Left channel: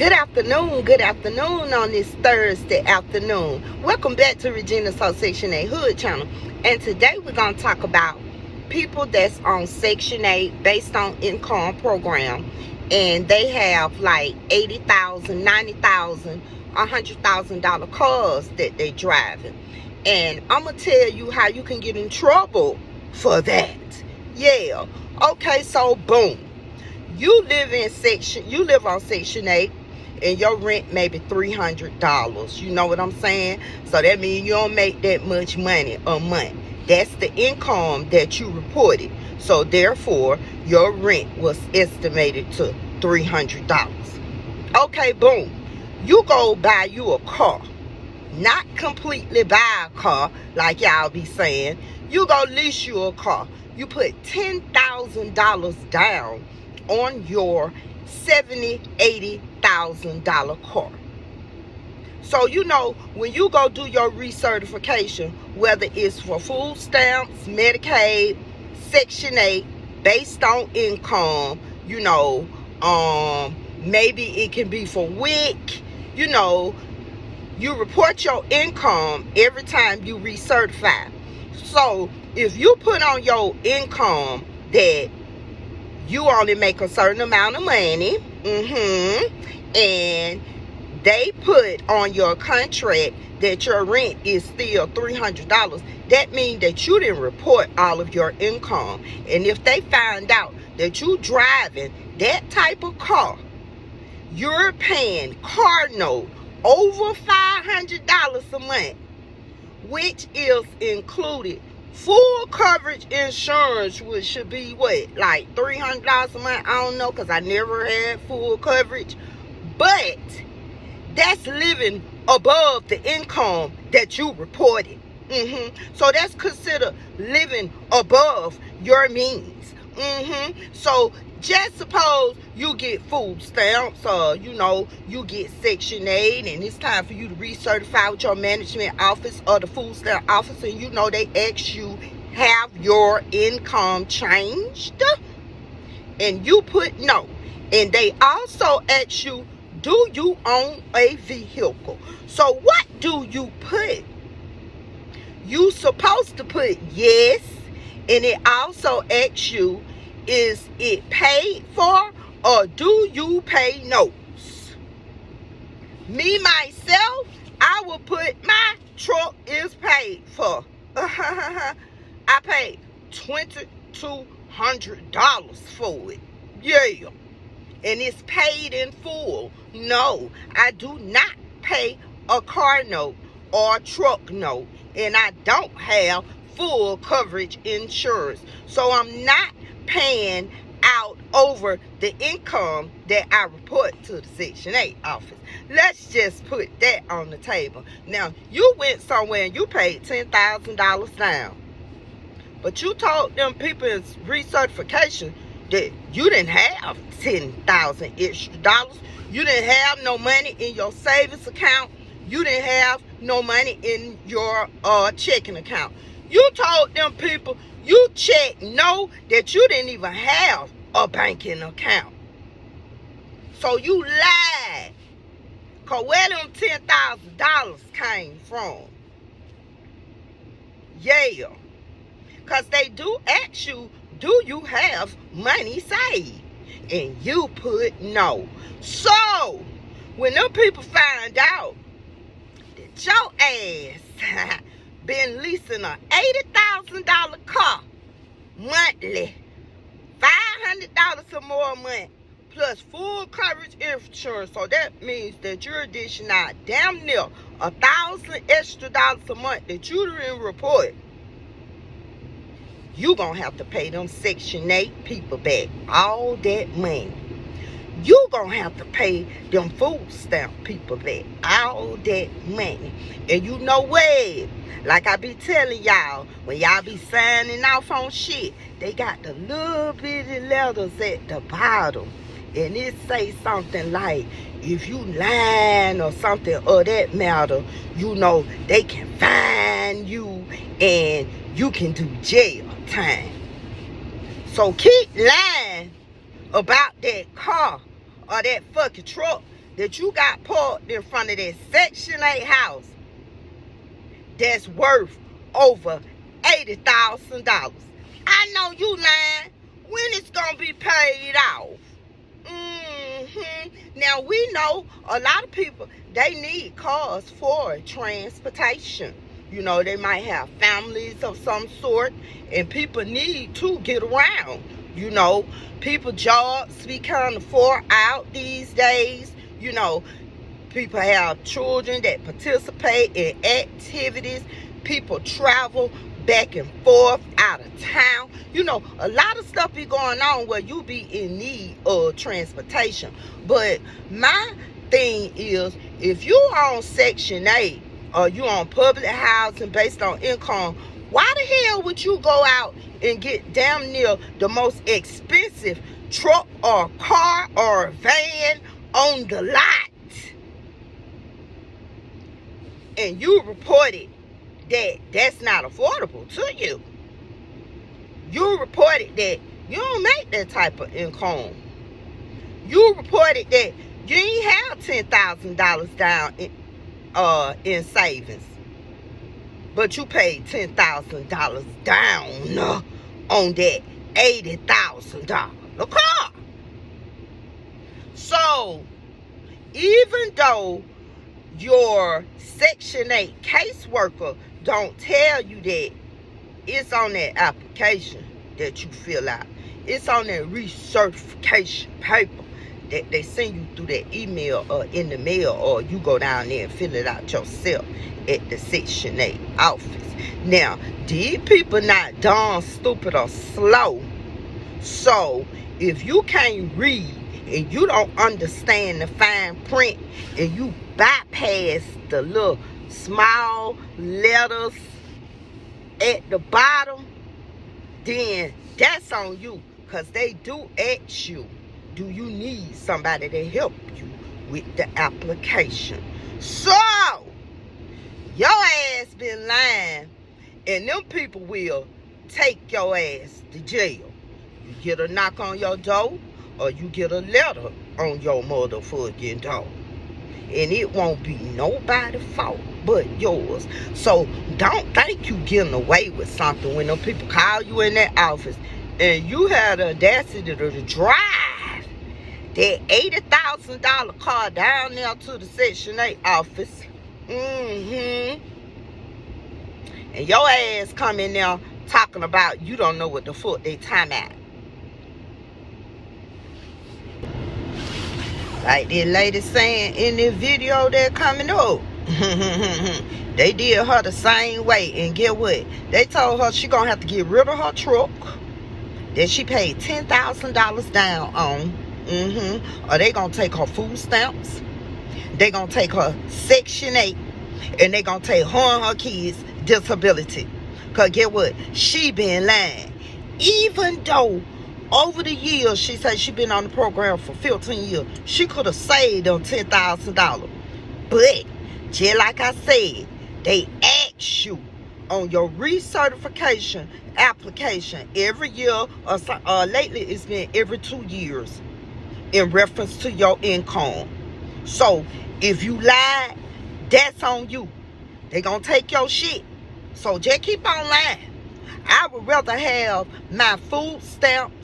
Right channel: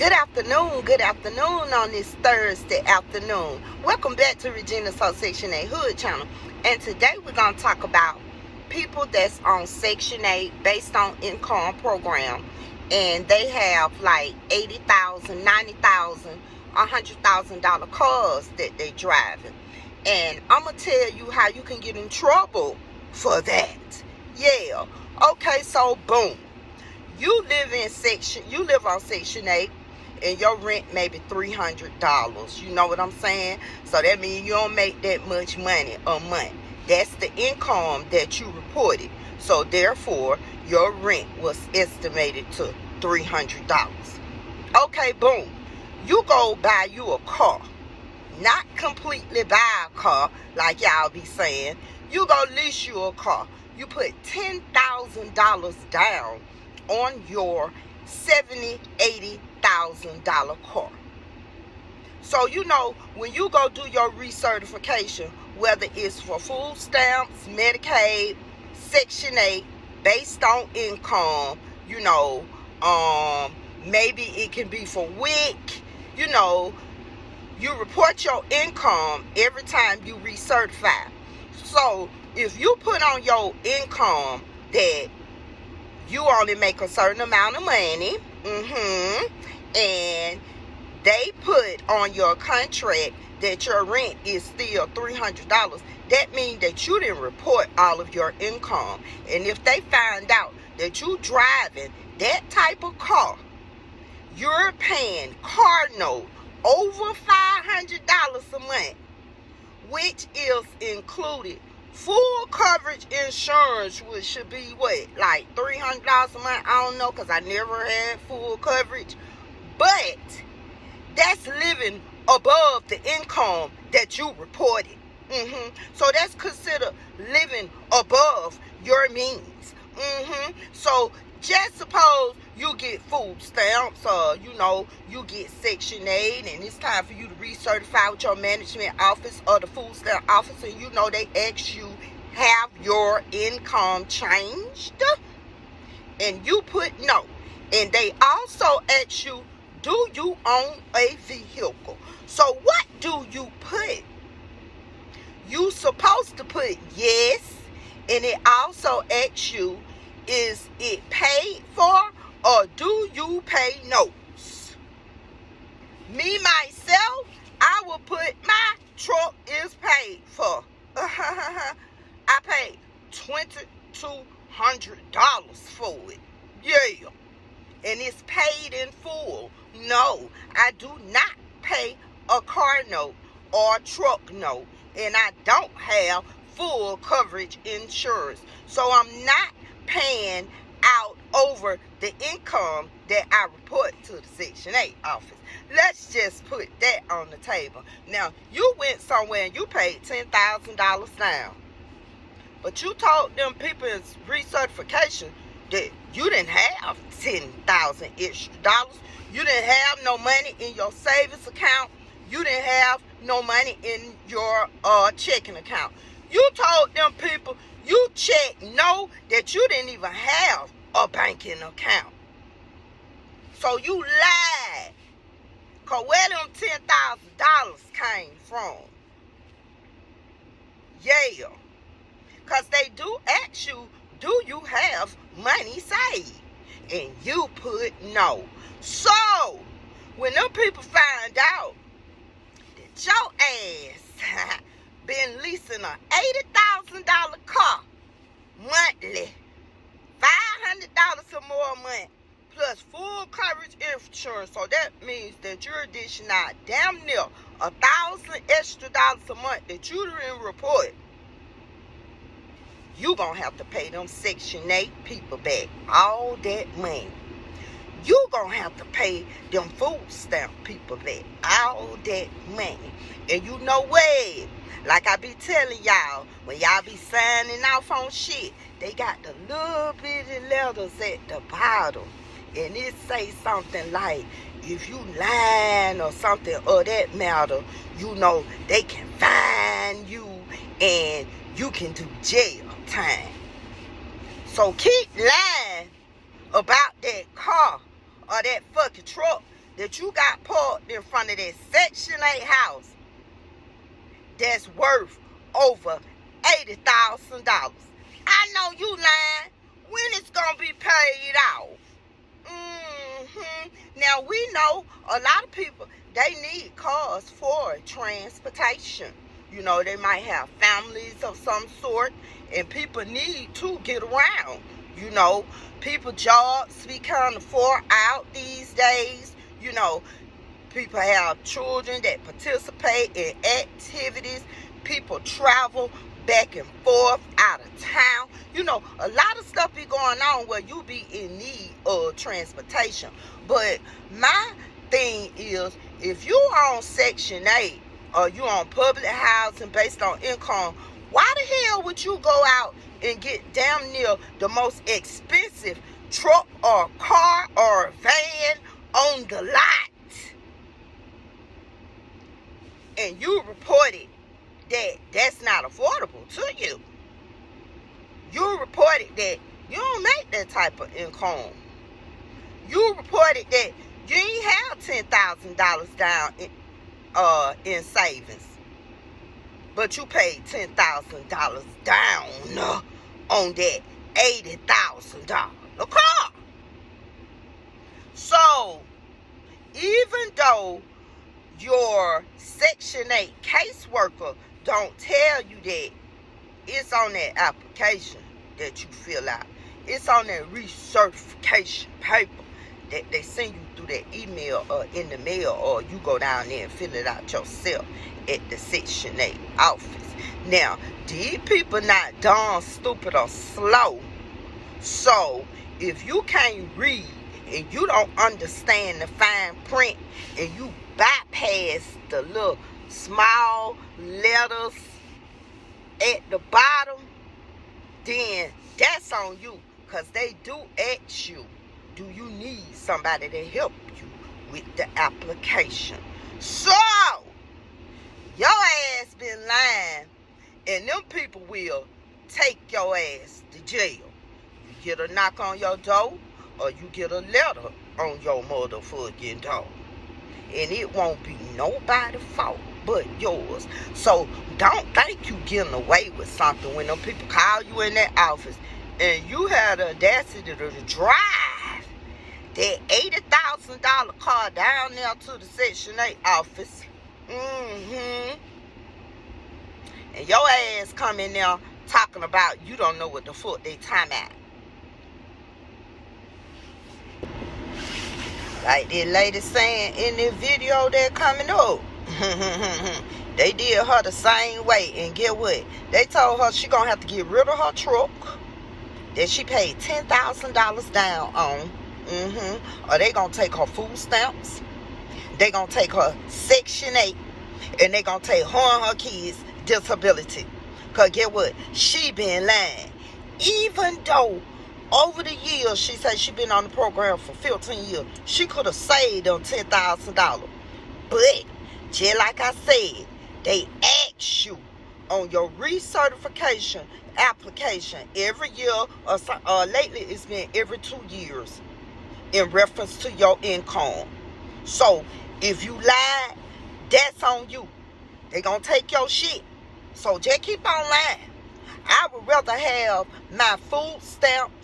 Good afternoon on this Thursday afternoon. Welcome back to Regina's Whole Section 8 Hood channel. And today we're going to talk about people that's on Section 8 based on income program. And they have like $80,000, $90,000, $100,000 cars that they driving. And I'm going to tell you how you can get in trouble for that. Yeah. Okay, so boom. You live on Section 8 and your rent maybe $300. You know what I'm saying? So that means you don't make that much money a month. That's the income that you reported. So therefore, your rent was estimated to $300. Okay, boom. You go buy you a car. Not completely buy a car like y'all be saying. You go lease you a car. You put $10,000 down on your $70,000, $80,000 car. So you know, when you go do your recertification, whether it's for food stamps, Medicaid, Section 8, based on income, you know, maybe it can be for WIC, you know, you report your income every time you recertify. So if you put on your income that you only make a certain amount of money, and they put on your contract that your rent is still $300, that means that you didn't report all of your income. And if they find out that you driving that type of car, you're paying car note over $500 a month, which is included full coverage insurance, which should be what, like $300 a month? I don't know, because I never had full coverage. But that's living above the income that you reported. So that's considered living above your means. So just suppose you get food stamps, or you know, you get Section 8, and it's time for you to recertify with your management office or the food stamp office, and you know they ask you, have your income changed? And you put no. And they also ask you, do you own a vehicle? So what do you put? You supposed to put yes, and it also asks you, is it paid for, or do you pay notes? Me, myself, I will put my truck is paid for. I paid $2,200 for it. Yeah. And it's paid in full. No, I do not pay a car note or truck note. And I don't have full coverage insurance. So I'm not paying out over the income that I report to the Section 8 office. Let's just put that on the table. Now, you went somewhere and you paid $10,000 down. But you told them people in recertification that you didn't have $10,000 extra dollars. You didn't have no money in your savings account. You didn't have no money in your checking account. You told them people, you checked no, that you didn't even have a banking account. So you lied. Because where them $10,000 came from? Yeah. Because they do ask you, do you have money saved? And you put no. So, when them people find out that your ass been leasing a $80,000 car monthly, $500 or more a month, plus full coverage insurance, so that means that you're dishing out damn near $1,000 extra dollars a month that you didn't report. You gonna have to pay them Section 8 people back all that money. You gonna have to pay them food stamp people back all that money. And you know what? Like I be telling y'all, when y'all be signing off on shit, they got the little bitty letters at the bottom. And it say something like, if you lying or something of that matter, you know, they can find you and you can do jail time. So keep lying about that car or that fucking truck that you got parked in front of that Section 8 house that's worth over $80,000. I know you lying. When it's gonna be paid off? Now we know a lot of people, they need cars for transportation. You know, they might have families of some sort, and people need to get around. You know, people jobs be kind of far out these days. You know, people have children that participate in activities. People travel back and forth out of town. You know, a lot of stuff be going on where you be in need of transportation. But my thing is, if you on Section 8 or you on public housing based on income, why the hell would you go out and get damn near the most expensive truck or car or van on the lot? And you reported that that's not affordable to you. You reported that you don't make that type of income. You reported that you ain't have $10,000 down in savings, but you paid $10,000 down on that $80,000 car. So even though your Section 8 caseworker don't tell you that, it's on that application that you fill out. It's on that recertification paper that they send you through that email or in the mail, or you go down there and fill it out yourself at the Section 8 office. Now, these people not dumb, stupid, or slow. So, if you can't read and you don't understand the fine print and you bypass the little small letters at the bottom, then that's on you, because they do ask you, do you need somebody to help you with the application? So your ass been lying, and them people will take your ass to jail. You get a knock on your door, or you get a letter on your motherfucking door, and it won't be nobody's fault but yours. So don't think you getting away with something when them people call you in that office and you had the audacity to drive that $80,000 car down there to the Section 8 office. And your ass come in there talking about you don't know what the fuck they time at. Like this lady saying in this video that's coming up. They did her the same way, and get what? They told her she gonna have to get rid of her truck that she paid $10,000 down on. Or they gonna take her food stamps. They gonna take her Section 8, and they gonna take her and her kids' disability. Cause get what? She been lying. Even though over the years, she said she been on the program for 15 years. She could have saved them $10,000. But, just like I said, they ask you on your recertification application every year, or lately it's been every 2 years, in reference to your income. So, if you lied, that's on you. They gonna take your shit. So, just keep on lying. I would rather have my food stamps,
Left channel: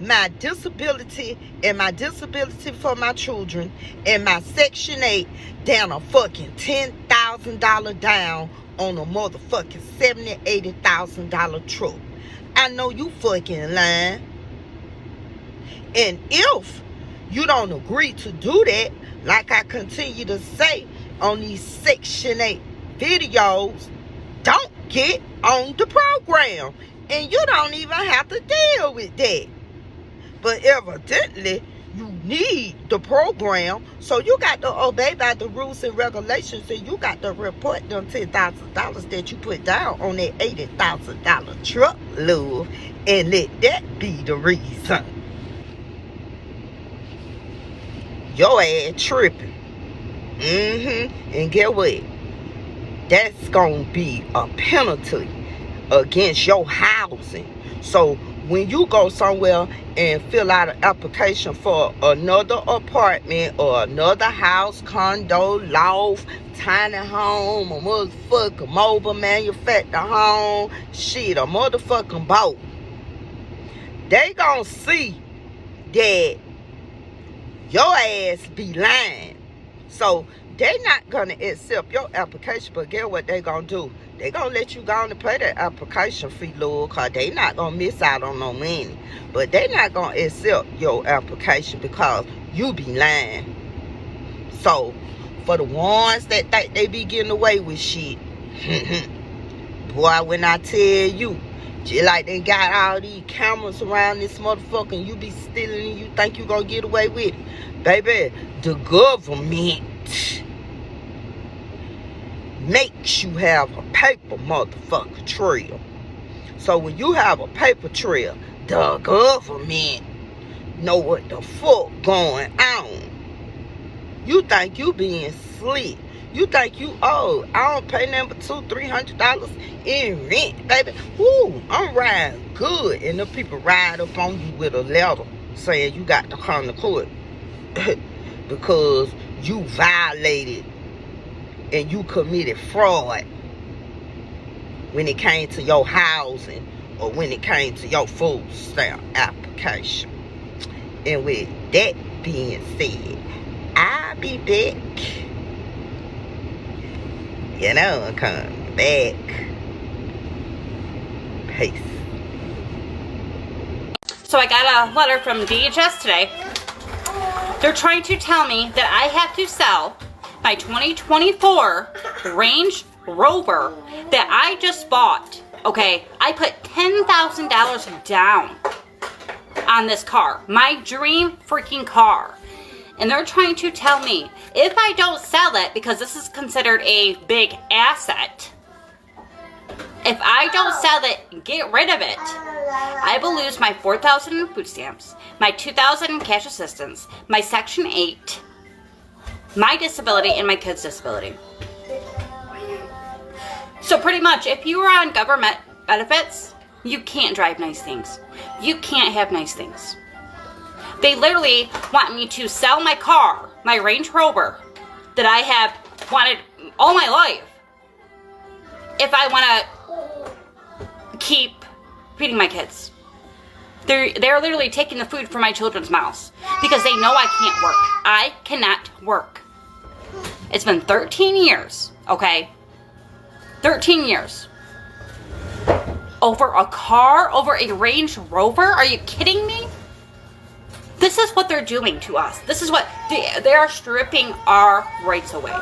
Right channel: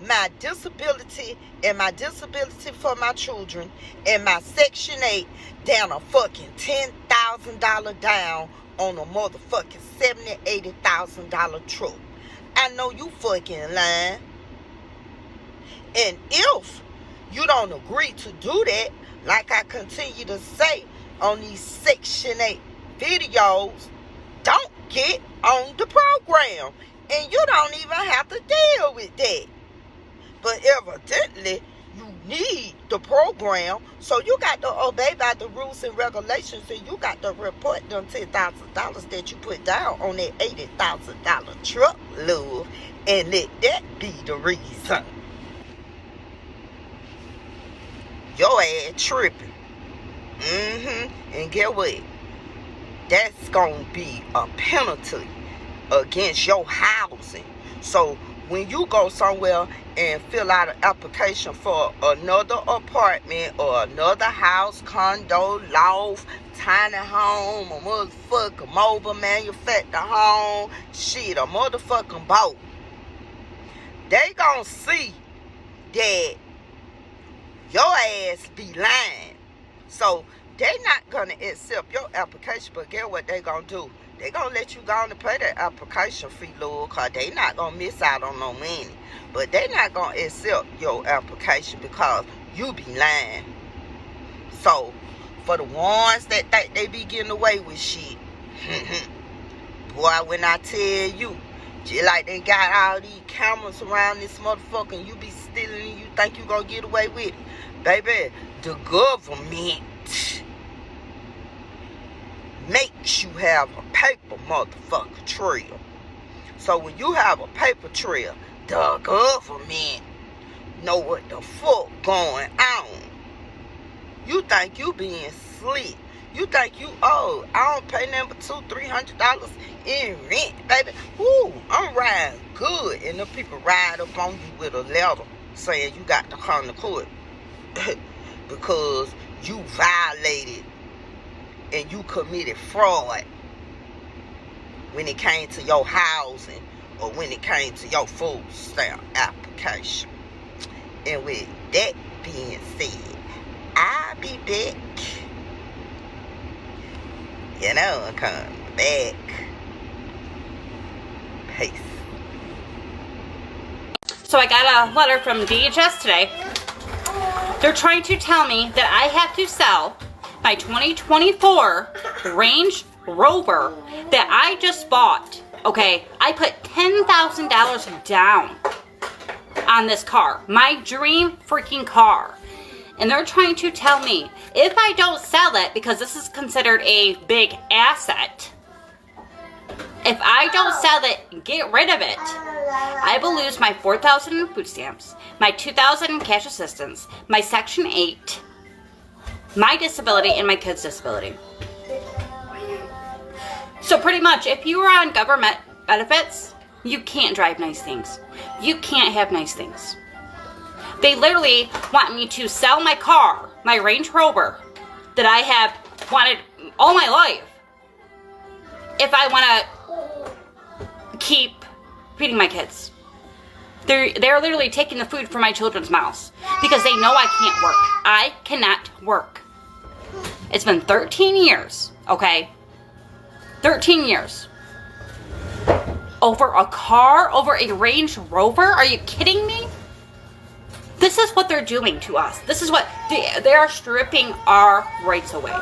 my disability, and my disability for my children, and my Section 8 down a fucking $10,000 down on a motherfucking $70,000, $80,000 truck. I know you fucking lying. And if you don't agree to do that, like I continue to say on these Section 8 videos, don't get on the program. And you don't even have to deal with that. But evidently, you need the program, so you got to obey by the rules and regulations, and you got to report them $10,000 that you put down on that $80,000 truck, love, and let that be the reason. Your ass tripping. And get what? That's gonna be a penalty against your housing. So when you go somewhere and fill out an application for another apartment or another house, condo, loft, tiny home, a motherfucking mobile manufactured home, shit, a motherfucking boat, they gonna see that your ass be lying. So they not gonna accept your application, but guess what they gonna do? They gonna let you go on and pay that application fee, Lord, cause they not gonna miss out on no money. But they not gonna accept your application because you be lying. So for the ones that think they be getting away with shit, boy, when I tell you, just like they got all these cameras around this motherfucker and you be stealing and you think you gonna get away with it. Baby, the government makes you have a paper motherfucker trail. So when you have a paper trail, the government know what the fuck going on. You think you being slick. You think you old. I don't pay nothing but $200-300 in rent, baby. Woo, I'm riding good. And the people ride up on you with a letter saying you got to come to court because you violated and you committed fraud when it came to your housing or when it came to your food stamp application. And with that being said, I'll be back. You know, I'm coming back. Peace. So I got a letter from DHS today. They're trying to tell me that I have to sell my 2024 Range Rover that I just bought. Okay, I put $10,000 down on this car. My dream freaking car. And they're trying to tell me if I don't sell it, because this is considered a big asset, if I don't sell it and get rid of it, I will lose my $4,000 in food stamps, my $2,000 in cash assistance, my Section 8, my disability, and my kid's disability. So pretty much, if you are on government benefits, you can't drive nice things. You can't have nice things. They literally want me to sell my car, my Range Rover, that I have wanted all my life, if I want to keep feeding my kids. They're literally taking the food from my children's mouths because they know I can't work. I cannot work. It's been 13 years, okay? 13 years. Over a car? Over a Range Rover? Are you kidding me? This is what they're doing to us. This is what they are stripping our rights away.